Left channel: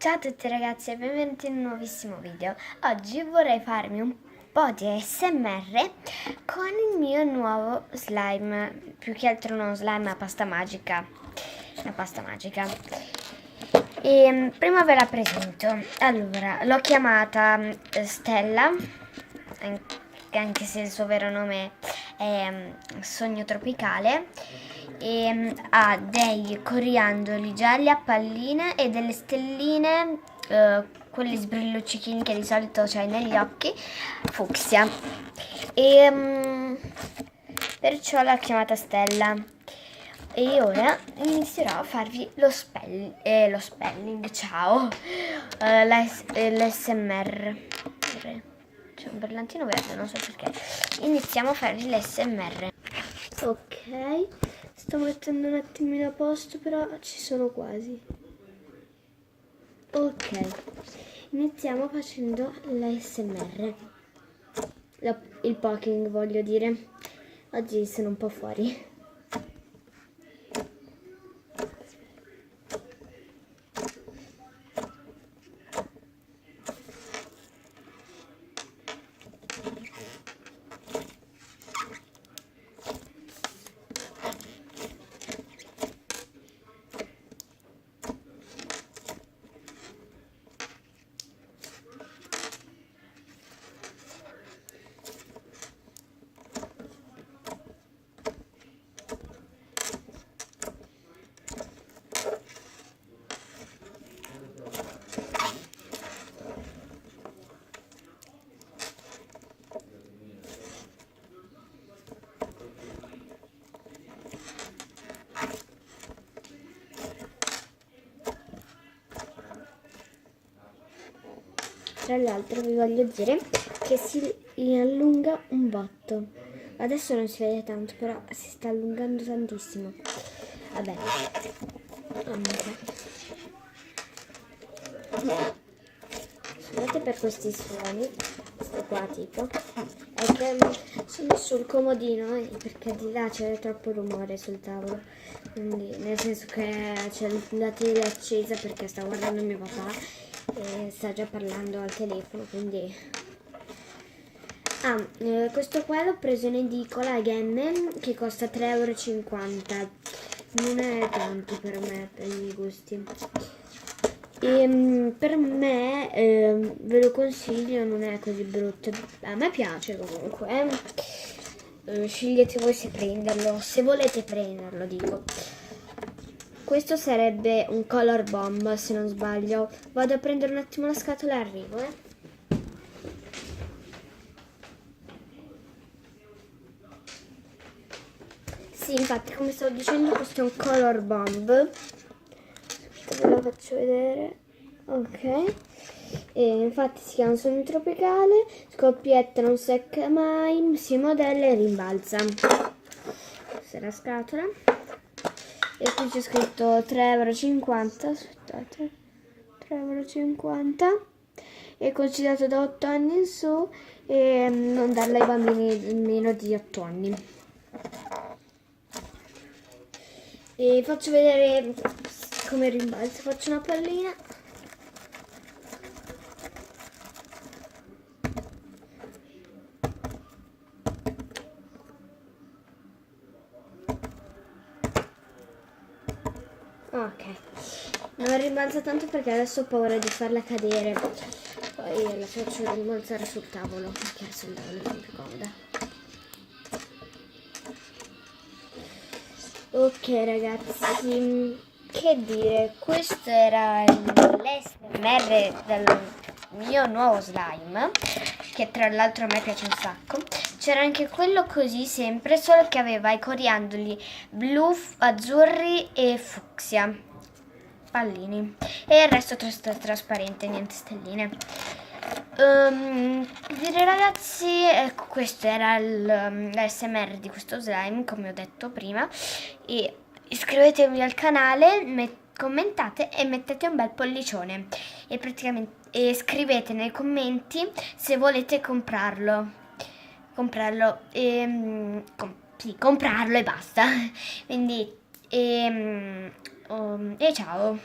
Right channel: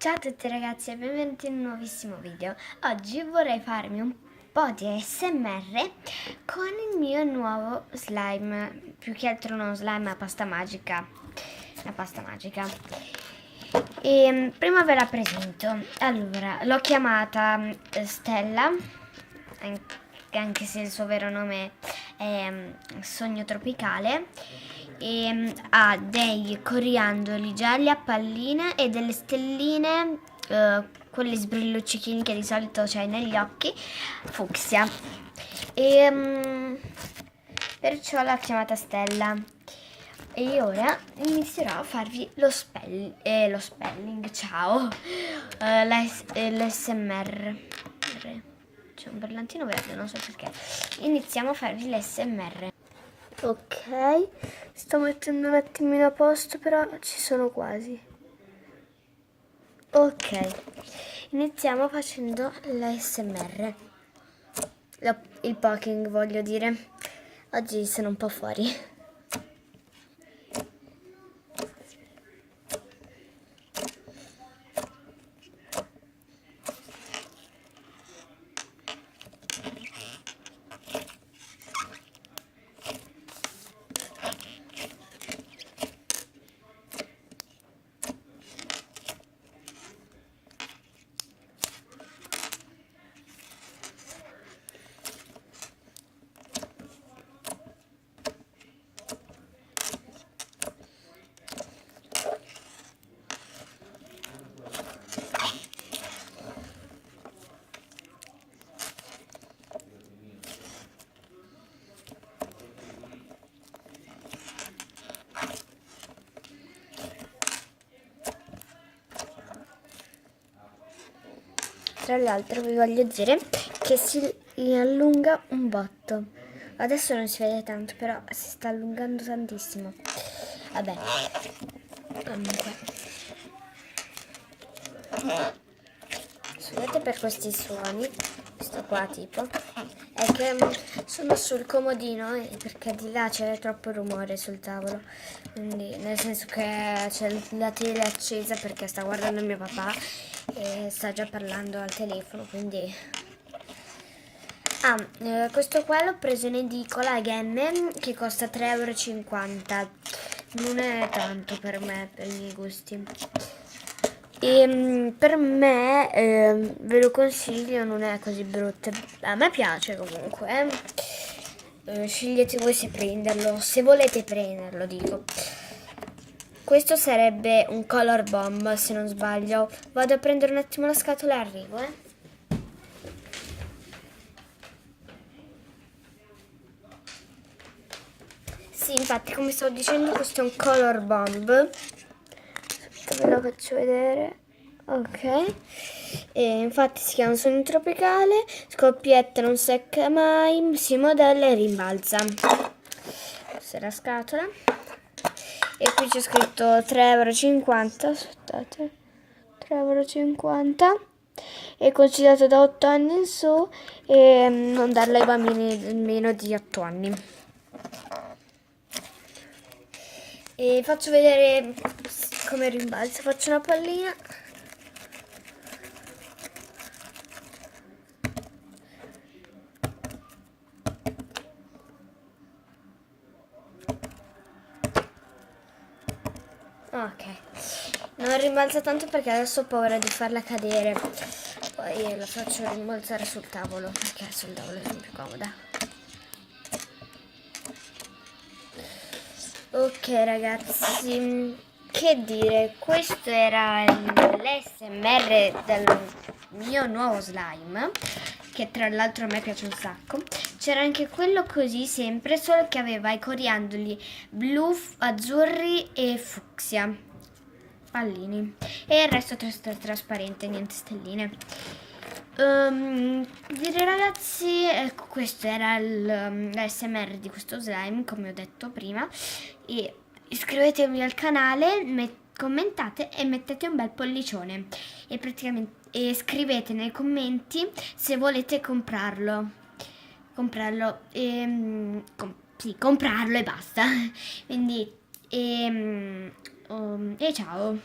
Ciao a tutti ragazzi e benvenuti in un nuovissimo video. Oggi vorrei farmi un po' di ASMR con il mio nuovo slime, più che altro non slime ma pasta magica, una pasta magica. E prima ve la presento. Allora, l'ho chiamata Stella, anche se il suo vero nome è Sogno Tropicale. E ha dei coriandoli gialli a palline e delle stelline, quelli sbrilluccichini che di solito c'hai negli occhi, fucsia. Perciò l'ho chiamata Stella. E ora inizierò a farvi lo spelling, ciao, l'SMR. C'è un brillantino verde, non so perché. Iniziamo a farvi l'SMR. Ok, sto mettendo un attimino a posto, però ci sono quasi. Ok, iniziamo facendo l'ASMR. Il poking, voglio dire. Oggi sono un po' fuori. Tra l'altro vi voglio dire che si allunga un botto. Adesso non si vede tanto, però si sta allungando tantissimo. Vabbè. Scusate per questi suoni. Questo qua tipo. È che sono sul comodino perché di là c'è troppo rumore sul tavolo. Quindi, nel senso che c'è la tele accesa perché sta guardando mio papà e sta già parlando al telefono, quindi questo qua l'ho preso in edicola a Gemme, che costa 3,50 €. Non è tanto per me, per i miei gusti, e per me ve lo consiglio, non è così brutto, a me piace comunque. Scegliete voi se volete prenderlo, dico. Questo sarebbe un color bomb, se non sbaglio. Vado a prendere un attimo la scatola e arrivo, Sì, infatti, come stavo dicendo, questo è un color bomb. Ve lo faccio vedere. Ok. E infatti si chiama Sogno Tropicale, scoppietta, non secca mai, si modella e rimbalza. Questa è la scatola. E qui c'è scritto 3,50 €, aspettate, 3,50 €, è consigliato da 8 anni in su e non darlo ai bambini meno di 8 anni. E faccio vedere come rimbalza, faccio una pallina. Ok, non rimbalza tanto perché adesso ho paura di farla cadere, poi la faccio rimbalzare sul tavolo perché sul tavolo è più comoda. Ok ragazzi, che dire, questo era l'SMR del mio nuovo slime, che tra l'altro a me piace un sacco. C'era anche quello così sempre, solo che aveva i coriandoli blu, azzurri e fucsia, pallini, e il resto trasparente, niente stelline. Direi ragazzi, ecco, questo era l'ASMR di questo slime, come ho detto prima, e iscrivetevi al canale, commentate e mettete un bel pollicione e scrivete nei commenti se volete comprarlo sì, comprarlo e basta. Quindi e ciao.